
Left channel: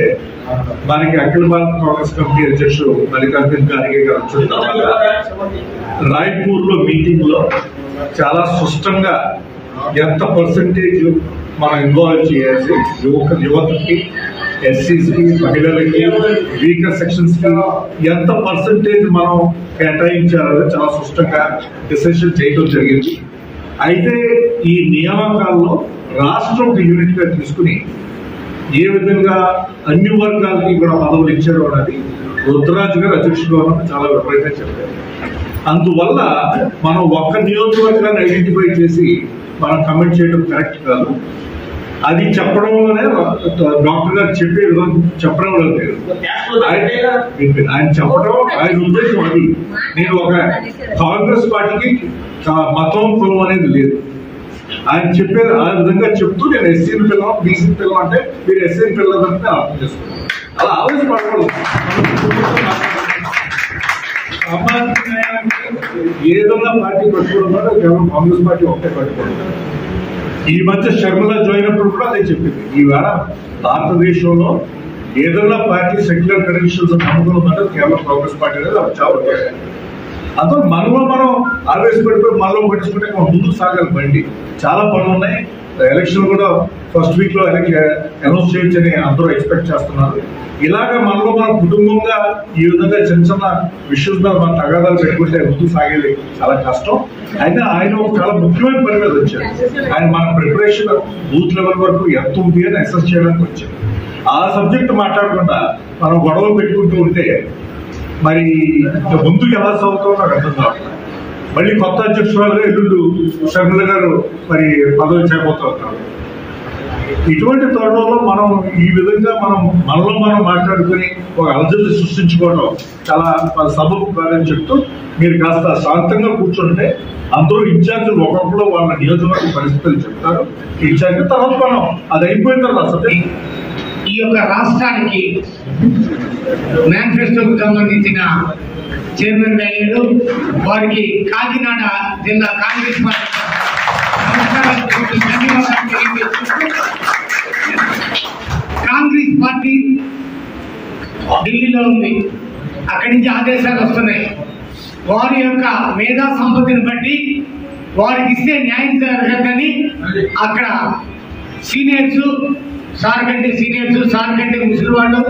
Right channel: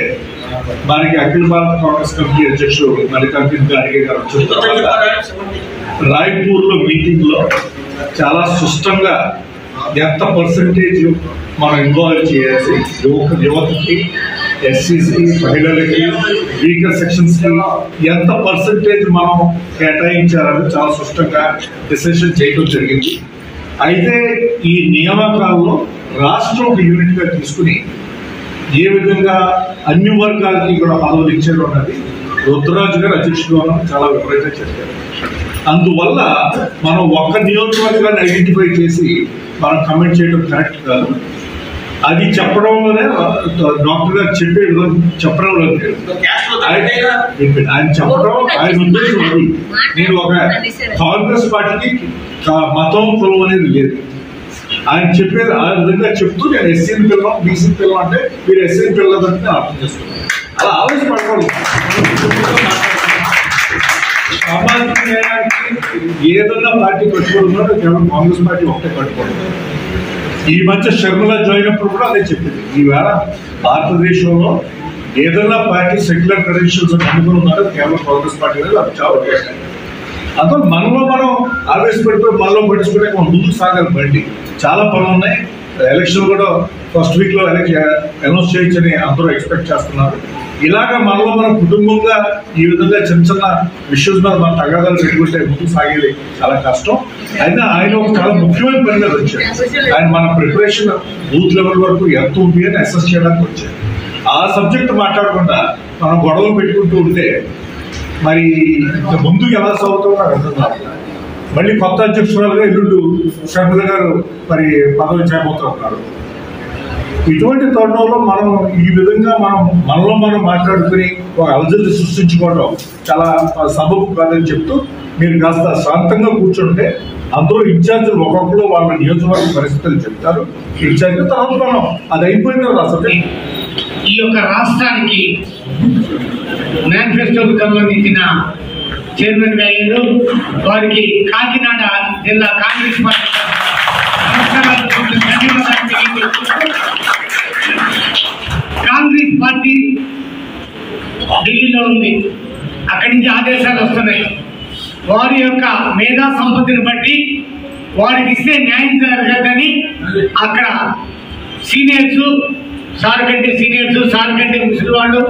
మనకి అఖిల భారత కాంగ్రెస్ కమిటీ అధ్యక్షుడు మల్లికార్జున ఖార్గే గారు వచ్చిన రాయ్పూర్ లో మీటింగ్ లో చాలా స్పష్టంగా ఎంత పర్సంటేజ్ మనం ఇన్వాల్వ్ చేయాలి, యువతకి, ఎస్సీస్కి, మహిళలకి, వీకర్ సెక్షన్స్ కి ఎంత పర్సంటేజ్ మనం కేటాయించాలని చాలా స్పష్టంగా డిసిషన్ చేయడం జరిగింది. అయితే ఈ నియామకాల్లో రాష్ట్రం ఒక యూనిట్ గా తీసుకుని ఏ విధంగా అన్ని వర్గాలకి కూడా పదవులు ఇచ్చారు అన్నది రుద్రరాజు గారు అధ్యక్షుడుగా చాలా విపరీతంగా చెప్పారు. అందువల్ల మనం ఒక్క నియోజకవర్గాన్ని ఐడెంటిఫై చేసి మనం కమెంట్ చేయడం కరెక్ట్ కాదు. అది చెప్పడంలోనే డాక్టర్ గారు చెప్పే విధానం చెప్పడం లేదు. ఆయన చెప్పడం, ఆయన ఉద్దేశం అది. నేను ఒక కాంగ్రెస్ పార్టీకి మతం, కులం అనేది లేదు. ఆయన చెప్పేది ఆ విధంగా చెప్తూ, నేను ఎస్సీని పిల్లలు, బీసీని పిల్లలు అంటే మీరు ఎస్సీని పిల్లలంటే నేను అర్థం చేస్తున్నాను. అలా ఆలోచపడకూడదు. సామాజిక న్యాయానికి ఏదన్నా పార్టీ కట్టుకోవడం కేవలం కాంగ్రెస్ పార్టీ ఒకటే కట్టుకోవడం. ఈ మధ్య షర్మిల జాయిన్ అప్పుడు కూడా అదే చెప్పింది. ఈవేళ భారతదేశంలో ఏదన్నా పార్టీ సెక్యులర్ క్రెడెన్షియల్స్ నమ్ముకుని ఉన్నట్టు కేవలం కాంగ్రెస్ పార్టీ అనేది అది చాలా అదో మనలో మనం ఆవేశపడిపోయి మనలో పట్టించుకుంటే ముందుకు సాగాలి బండి. చాలా పనులు ఉన్నాయి. ఎలక్షన్ కూడా ఫస్ట్ వీక్ లో అనౌన్స్ చేయొచ్చని అందరూ ఎక్స్పెక్ట్ చేస్తున్నారు. ఇలాగ మనలో మనం కుటుంబంగా ఈ విధంగా చిన్న చిన్న ఇష్యూస్ మీద మన తగాదాలు పెట్టుకుంటే ముందుకు సాగేది చాలా కష్టం. అయినా ఆయన ఒక చాలా ముఖ్యమైన పని మీద వచ్చారు. ఆయన మన ప్రిపరేషన్ బూత్ లెవెల్ వరకు ఎంత ఉంది అని అసెస్ చేయడానికి వచ్చారు. ఆ సబ్జెక్ట్ మాట్లాడకుండా మనం గొడవలు పెట్టుకుంటూ ఉంటే మరి ముందుకు ఎలా సాగుతామో నాకు అర్థం కావట్లేదు. మళ్ళీ కొత్త అధ్యక్షురాలుగా ఎల్లుండు షర్మిల గారు మరి పదవి చేయబోతున్నారు. ఇటువంటి తరుణంలో మనం ఈ విధంగా మనలో మనం మాట్లాడుకుని ఒక అలజడి సృష్టించుకోవడం చాలా సబబు కాదని చెప్తూ మీరు కాస్త శాంతంగా కూర్చుంటే అందరూ ఇన్ఛార్జీలు ఒక్కొక్కరు వాళ్ళ నియోజకవర్గ పరిస్థితులు చెప్తారు. ఇన్ఛార్జ్ తర్వాత మనం అది అయిపోయిన తర్వాత అసలు ఈ యొక్క రాష్ట్రానికి మేనిఫెస్టోకు సంబంధించిన చైర్మన్ గా అయ్యారు. వారికి కాకినాడ జిల్లా కాంగ్రెస్ పార్టీ కాంగ్రెస్ పార్టీ ఢిల్లీలో ఉంది. అక్కడి నుంచి ఆదేశాలు వస్తున్నాయి. వారి యొక్క మేధా సంపత్తిని బట్టి వారికి ఇస్తే న్యాయం జరగదని అక్కడ సీనియర్స్, సార్ కంటే సీనియర్స్, సార్ కంటే ముసలి వాళ్ళు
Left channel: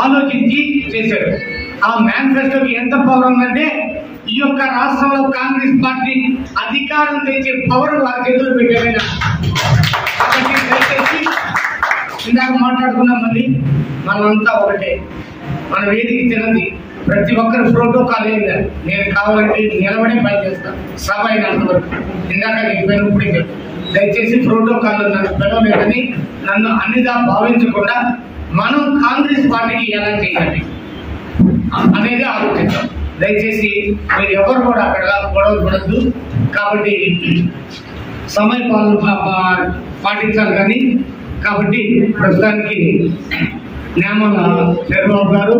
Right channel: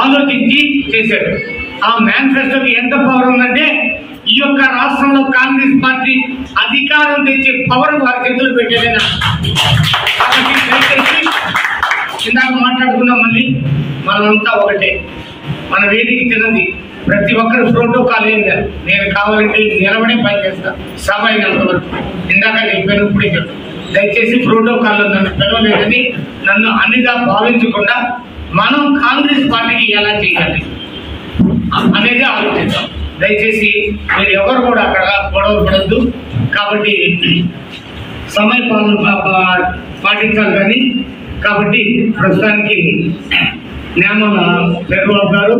ఆలోచించి చేశారు. ఆ మేనిఫెస్టోకి ఎంత పవర్ ఉందంటే ఈ యొక్క రాష్ట్రంలో కాంగ్రెస్ పార్టీ అధికారం తెచ్చే పవర్ వారి చేతులు పెట్టేదైనా. కాబట్టి దయచేసి ఇందాక మాట్లాడుకున్నాం, మళ్ళీ మనమంతా ఒకటే. మన వేదిక తిన్నది ప్రతి ఒక్కరు ప్రోటోకాల్ ఏం లేదు. నేను కావాలంటే నిలబడే పని చేస్తాను సభ అయినంత వరకు. ఇందాక నేను ఇప్పుడే చెప్తాను, దయచేసి ప్రోటోకాల్లో నన్ను పిలవలేదని నన్ను అన్నిగా భావించకుండా మనం కాంగ్రెస్ పార్టీకి ఎలా చేయాలి అనేది ఆలోచిద్దాం. దయచేసి మీరు ఎవరు కూడా అక్కడ గొడవలు పడద్దు. కాబట్టి సమయ పాలన పాటించాలి. కానీ కాబట్టి ప్రస్తుతానికి న్యామల చంద్రబాబు గారు.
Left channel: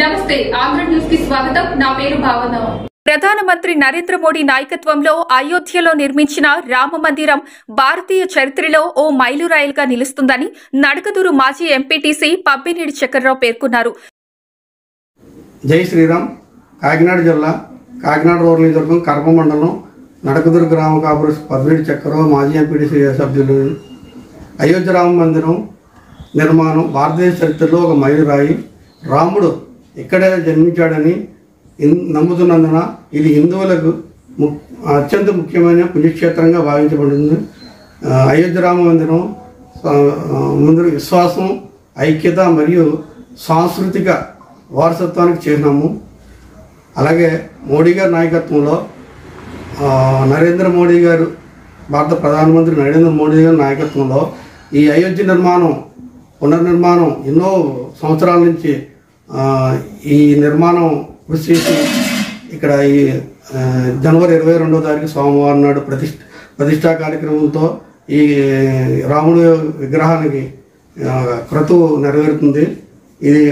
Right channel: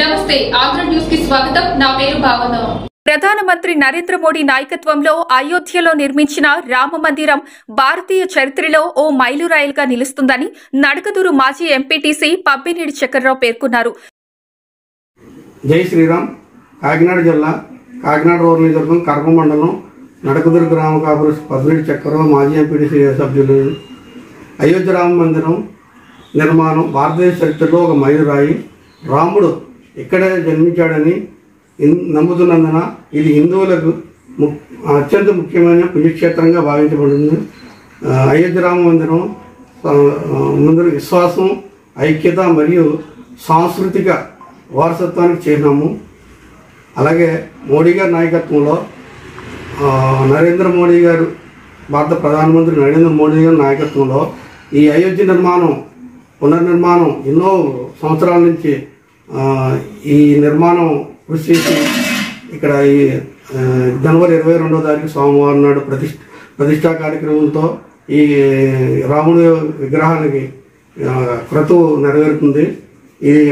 నమస్తే, ఆంధ్ర న్యూస్ కి స్వాగతం. నా పేరు భావన. ప్రధానమంత్రి నరేంద్ర మోడీ నాయకత్వంలో అయోధ్యలో నిర్మించిన రామ మందిరం భారతీయ చరిత్రలో ఓ మైలురాయిలుగా నిలుస్తుందని నడకదూరు మాజీ ఎంపీటీసీ పబ్బినేడి చక్రరావు పేర్కొన్నారు. జై శ్రీరామ్. కాకినాడ జిల్లా కాకినాడ రూరల్ నియోజకవర్గం కరప మండలం నడకదూరు గ్రామ కాపురు పబ్బినేడి చక్రరావు మాజీ ఎంపీటీసీ సభ్యులు. అయోధ్య రామ మందిరం నిర్మాణం భారతదేశ చరిత్రలో ఒక మైలురాయి. రాముడు ఇక్కడే జన్మించాడని నమ్ముతున్నందున ఇది హిందువులకు అత్యంత ముఖ్యమైన పుణ్యక్షేత్రంగా భావించబడింది. అయోధ్య రామ మందిరం ముందు విశ్వాసం, ఐక్యత మరియు సాంస్కృతిక వారసత్వానికి చిహ్నము. అలాగే మోడీ గారి నాయకత్వంలో నరేంద్ర మోడీ గారు, భారత ప్రధానమంత్రి నరేంద్ర మోడీ గారి నాయకత్వంలో ఈ అయోధ్య పునర్నిర్మాణం ఎన్నో సంవత్సరాల నుంచి ఈ నిర్మాణం కృషి చేసి ఇక్కడ ఈ జనవరి 22వ తారీఖు సోమవారం నాడు ప్రతిష్టా కార్యక్రమంతో ఈ రాముడి విగ్రహానికి క్రతువు నెరవేరుతుంది. ఇది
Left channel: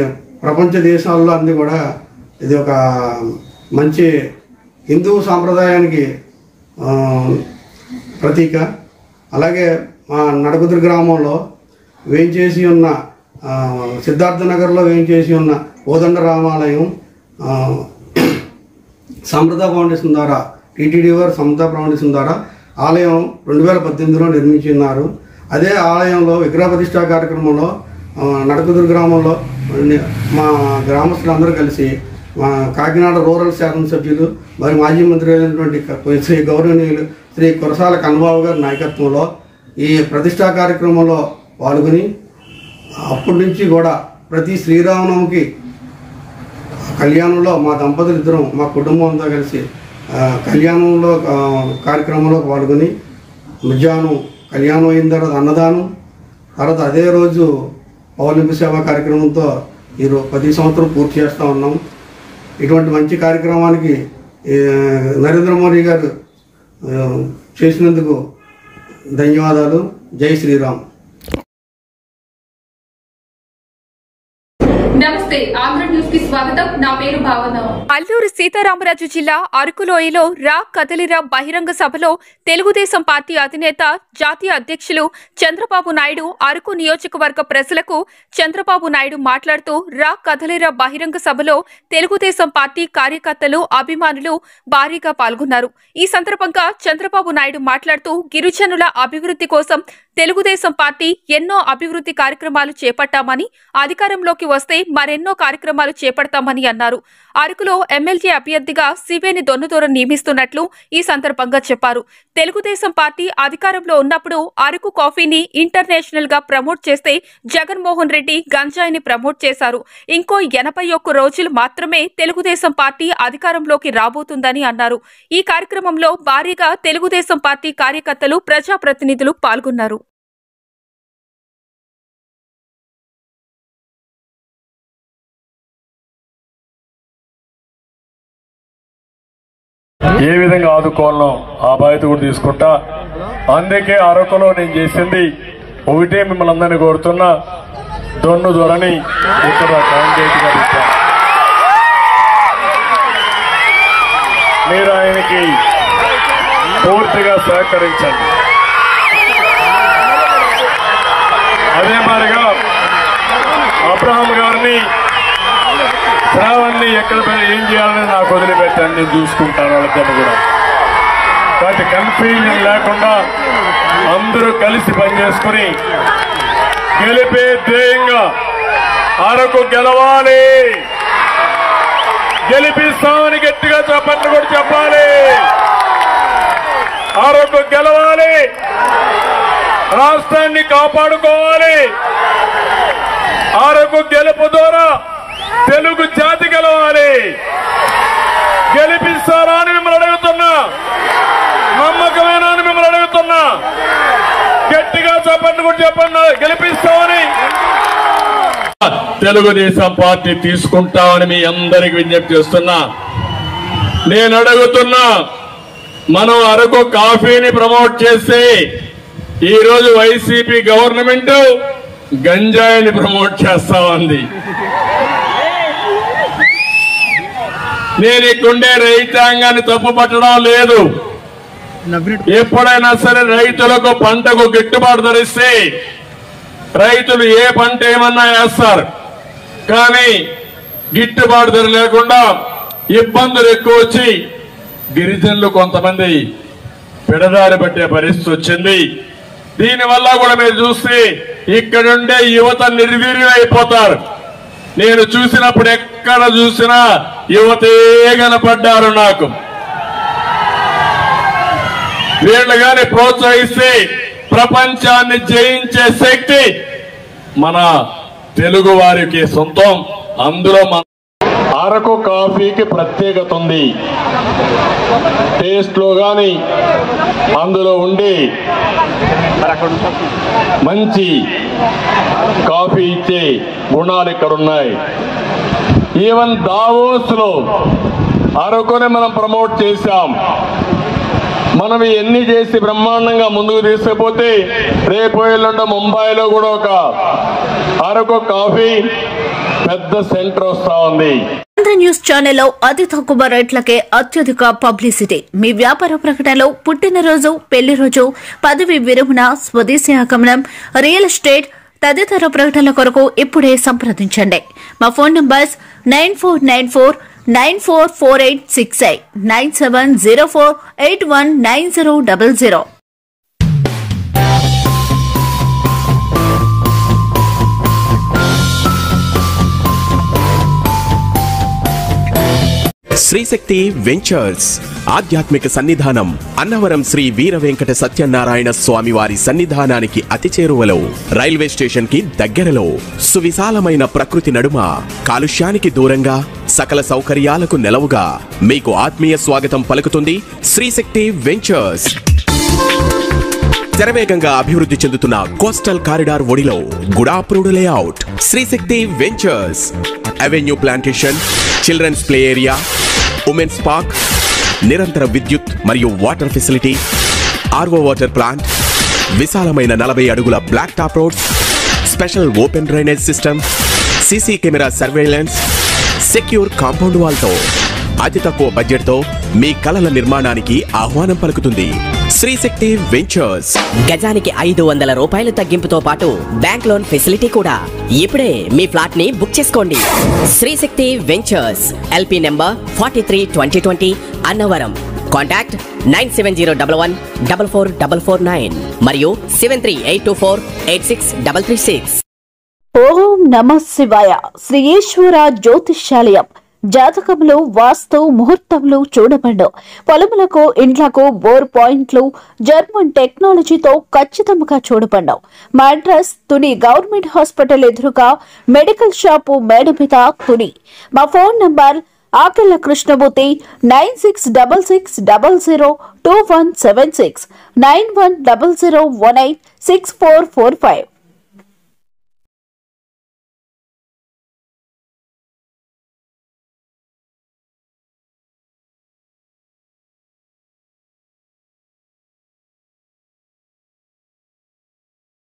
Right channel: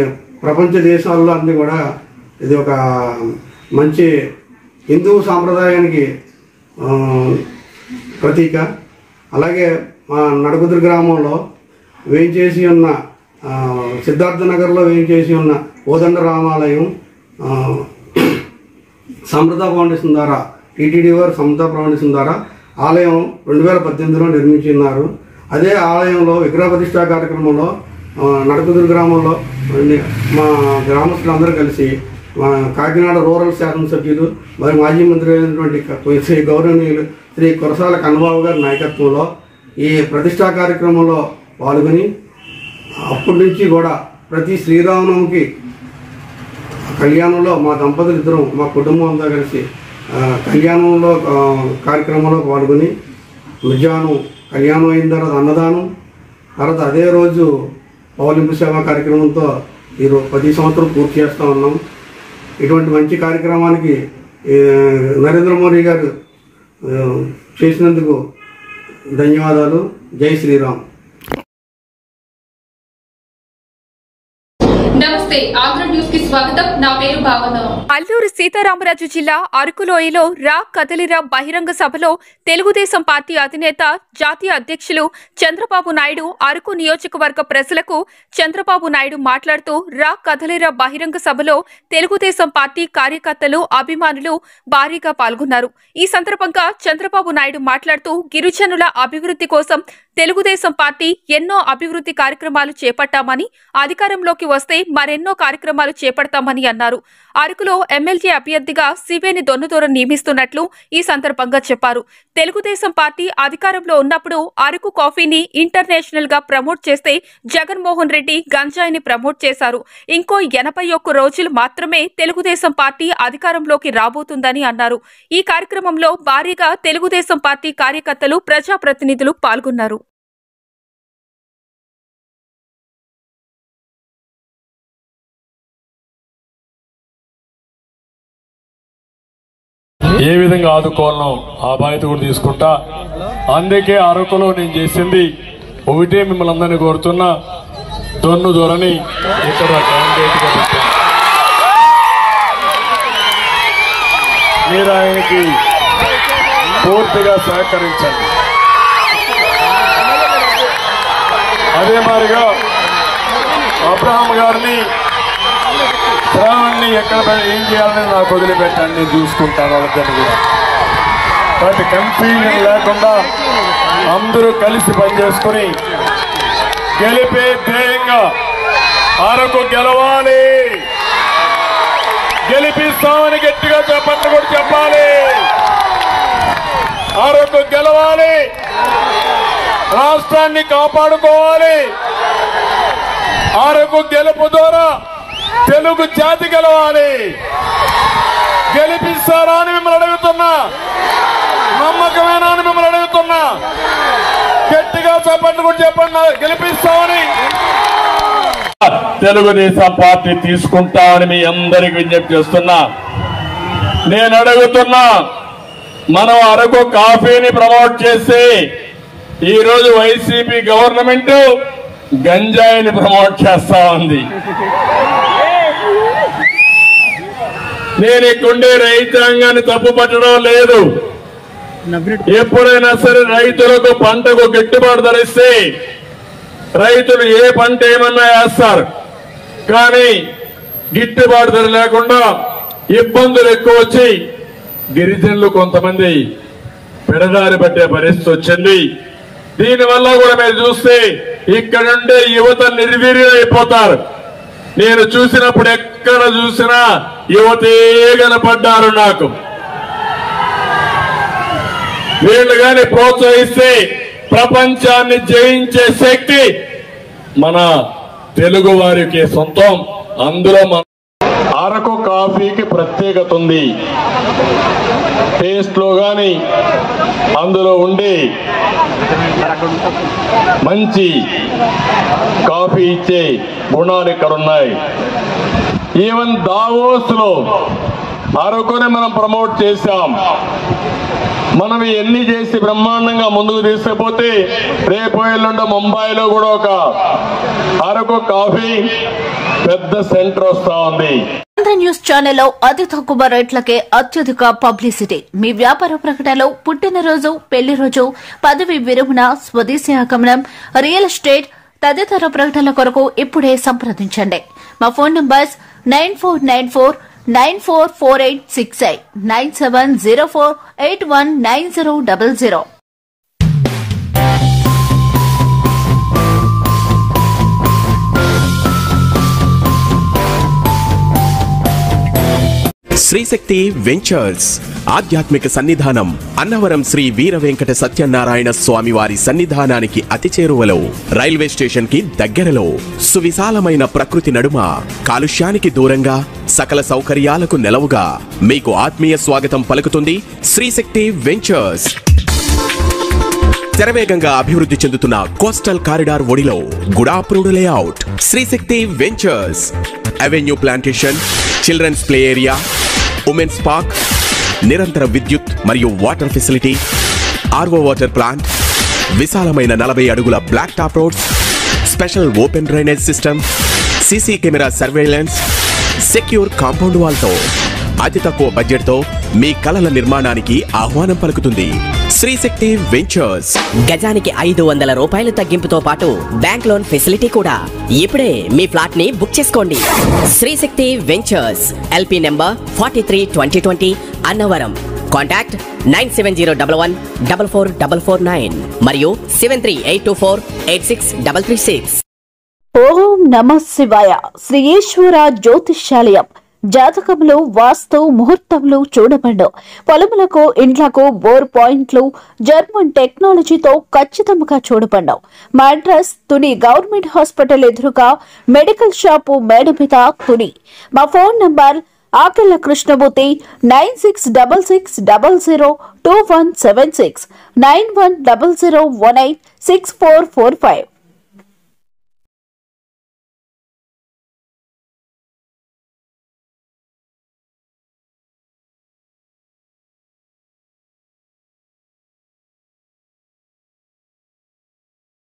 ప్రపంచ దేశాల్లో అన్ని కూడా ఇది ఒక మంచి హిందూ సాంప్రదాయానికి ప్రతీక. అలాగే మా నడకుదురు గ్రామంలో వేయించేసి ఉన్న సిద్ధార్థ నగర్లో వేయించేసి ఉన్న కోదండ రామాలయం సమృద్ధ ఫౌండేషన్ ద్వారా, టీటీడీ వారు సమృద్ధ ఫౌండేషన్ ద్వారా ఆలయం 2018లో నిర్మించున్నారు. అదే ఆలయంలో విగ్రహ ప్రతిష్టా కార్యక్రమంలో నడకుదురు గ్రామంలో మా గ్రామస్తులందరూ కలిసి మా కాకినాడ రూరల్ శాసనసభ్యులు మరియు మాజీ మంత్రి అయినటువంటి శ్రీ గౌరవనీయులు శ్రీ కురసాల కన్నబాబు గారి నాయకత్వంలో ఈ ప్రతిష్టా కార్యక్రమంలో పాల్గొని అప్పటి నుంచి కూడా ప్రతి శ్రీరామనవమికి కళ్యాణంలో మా దంపతులు ఇద్దరం మా కుటుంబం అంతా కలిసి కళ్యాణంలో కార్యక్రమంలో పాల్గొని మధ్యాహ్నం కళ్యాణం అయిన తర్వాత అన్నదానం, తర్వాత అదే రోజు పౌలింపు సేవా కార్యక్రమంతో ఈరోజు 10 సంవత్సరం పూర్తి చేస్తూ ఉన్నాం. ఇటువంటి మంచి కార్యక్రమానికి నరేంద్ర మోడీ గారు చేసినందుకు ధన్యవాదాలు. జై శ్రీరామ్. నమస్తే, ఆంధ్ర న్యూస్ కి స్వాగతం. నా పేరు భావన. అల్లూరు సీతారామరాజు జిల్లా అరకులోయలో రా కదలిరా బహిరంగ సభలో తెలుగుదేశం పార్టీ అధినేత జాతీయ అధ్యక్షులు చంద్రబాబు నాయుడు అరకు నియోజకవర్గ ప్రజలకు చంద్రబాబు నాయుడు మాట్లాడుతూ రా కదలిరా బహిరంగ సభలో తెలుగుదేశం పార్టీ కార్యకర్తలు, అభిమానులు భారీగా పాల్గొన్నారు. ఈ సందర్భంగా చంద్రబాబు నాయుడు మాట్లాడుతూ గిరిజనుల అభివృద్ధి కోసం తెలుగుదేశం పార్టీ ఎన్నో అభివృద్ధి కార్యక్రమాలు చేపట్టామని, అధికారంలోకి వస్తే మరెన్నో మరెన్నో కార్యక్రమాలు చేపడతామని అన్నారు. అరకులో ఎమ్మెల్యే అభ్యర్థిగా సివేని దొన్నుదూరం నియమిస్తున్నట్లు ఈ సందర్భంగా చెప్పారు. తెలుగుదేశం పార్టీ అధికారంలో ఉన్నప్పుడు అరకు కాఫీని ఇంటర్నేషనల్ గా ప్రమోట్ చేస్తే జగన్మోహన్ రెడ్డి గంజాయిని ప్రమోట్ చేశారు. ఇంకో 81 రోజులు మాత్రమే తెలుగుదేశం పార్టీ అధికారంలోకి రాబోతుందని అన్నారు. ఈ కార్యక్రమంలో భారీగా తెలుగుదేశం పార్టీ కార్యకర్తలు, ప్రజాప్రతినిధులు పాల్గొన్నారు. ఏ విధంగా ఆదుకోవాలనో ఆ బాధ్యత కూడా తీసుకుంటా. అందుకే అరకులో నేను చేసింది ఒకటే, మిమ్మల్ని అందరినీ కోరుతున్నా, దొన్ను దొరని ఇక్కడ క్యాండిడేట్ గా పెట్టాను. మీరు ఆయనకి పూర్తిగా సహకరించండి. అదే మాదిరిగా అబ్రహాం గారిని, శ్రావణ్ని ఎక్కడ ఏం చేయాలని నాకు వదిలిపెట్టండి, నేను చూసుకుంటాను వాళ్ళిద్దరిని కూడా. కాబట్టి కన్ఫ్యూజన్ లేకుండా అందరూ కలిసి పనిచేసుకుని గెలిపే ధ్యేయంగా అరకు గెలవాలి, గెలిపిస్తామని గట్టిగా చెప్పండి కూడా చెప్పాలి. అరకు గెలవాలి, రాష్ట్రాన్ని కాపాడుకోవాలి. అరకు గెలుపు ద్వారా తెలుగు జాతి గెలవాలి. గెలిపిస్తారా అని మిమ్మల్ని అడుగుతున్నా, నమ్మకమేనా అని మిమ్మల్ని అడుగుతున్నా. గట్టిగా చెప్పండి కూడా చెప్పండి, గెలిపిస్తామని. తెలుగుదేశం పార్టీ తీసుకుంటామని మీ అందరికి విజ్ఞప్తి చేస్తున్నా. నేను అడుగుతున్నా, మనం అరకు కాఫీని ప్రమోట్ చేస్తే ఈ రోజు వైసీపీ గవర్నమెంట్ గంజాయిని ప్రమోట్ చేస్తా ఉంది. నేను ఇక్కడుండే రైతాంగాన్ని తప్పు పట్టడం లేదు. ఎప్పుడైనా సరే రైతులకు పంటకు గిట్టుబాటు ధర ఇస్తే రైతులు ఏ పంట ఏమన్నా వేస్తారు. కానీ గిట్టుబాటు ధర లేకుండా ఇబ్బందులు ఎక్కువ వచ్చి గిరిజనులు కొంతమంది పెడదారి పట్టే పరిస్థితి వచ్చింది. దీనివల్ల కూడా మీరు చూస్తే ఇక్కడ నుండే యువత నిర్వీర్యం అయిపోతారు. నేను చూసినప్పుడు ఎక్కడ చూసినా యువతే కనపడ్డారు నాకు. వీళ్ళు గాని ప్రోత్సహిస్తే ప్రపంచాన్ని జయించే శక్తి మన తెలుగు వారికి సొంతం. అందులో మన అరకు కాఫీకి ప్రత్యేకత ఉంది. టేస్ట్ లో గాని అందులో ఉండే మంచి కాఫీ ఇచ్చే గుణాలు ఇక్కడ ఉన్నాయి. ఈవెన్ దావోస్ లో అరకుని మనం ప్రమోట్ చేశాం. మనం ఎన్ని చేసి బ్రహ్మాండంగా ముందుకు తీసుకుపోతే రేపు ఎల్లుండి ముంబైలో కూడా ఒక అరకు కాఫీ పెద్ద సెంటర్ వస్తా ఉంది. ఆంధ్ర న్యూస్ ఛానల్లో అతి తక్కువ రేట్లకే అత్యధిక పబ్లిసిటీ. మీ వ్యాపార ప్రకటనలో పుట్టినరోజు, పెళ్లి రోజు, పదవి విరమణ, స్వదేశీ ఆగమనం, రియల్ ఎస్టేట్ తదితర ప్రకటనల కొరకు ఇప్పుడే సంప్రదించండి. మా ఫోన్ నంబర్స్ 9494944868 9704819000. శ్రీశక్తి వెంచర్స్ ఆధ్యాత్మిక సన్నిధానం అన్నవరం శ్రీ వీర వెంకట సత్యనారాయణ స్వామి వారి సన్నిధానానికి అతి చేరువలో, రైల్వే స్టేషన్ కి దగ్గరలో, సువిశాలమైన ప్రకృతి నడుమ, కాలుష్యానికి దూరంగా, సకల సౌకర్యాలకు నెలవుగా మీకు ఆత్మీయ స్వాగతం పలుకుతుంది శ్రీశక్తి వెంచర్స్. శరవేగంగా అభివృద్ధి చెందుతున్న కోస్టల్ కారిడార్ ఒడిలో గుడాప్రూడ్ layout. Srishakti ventures avenue plantation, children's play area, women's park, నిరంతర విద్యుత్ మరియు water facility, RO water plant, విశాలమైన 40 అడుగుల black top roads, special open drainage system, CC camera surveillance, secure compound wall తో అతి తక్కువ బడ్జెట్ తో మీ కలల నిర్మాణానికి ఆహ్వానం పలుకుతుంది శ్రీశక్తి వెంచర్స్. గజానికి 500 రూపాయలు తగ్గింపుతో పాటు బ్యాంక్ లోన్ ఫెసిలిటీ కూడా. ఇప్పుడే మీ ఫ్లాట్ ని బుక్ చేసుకోండి. Srishakti ventures, LP number 43-2020 Annavaram. Contact 9701144449 మరియు 7382486336. ఓం నమ శివాయ. శ్రీ ఈశ్వర జ్యోతిష్యాలయం. జాతకములు, వాస్తు, ముహూర్తములు చూడబడు. పొలములకు, ఇండ్లకు బోర్ పాయింట్లు జర్మన్ టెక్నాలజీతో ఖచ్చితంగా చూడబడు. మా అడ్రస్ తుని గవర్నమెంట్ హాస్పిటల్ ఎదురుగా మెడికల్ షాపు మేడ మీద తుని. మా ఫోన్ నంబర్ ఆకెళ్ల కృష్ణమూర్తి 9666002176 9100186445.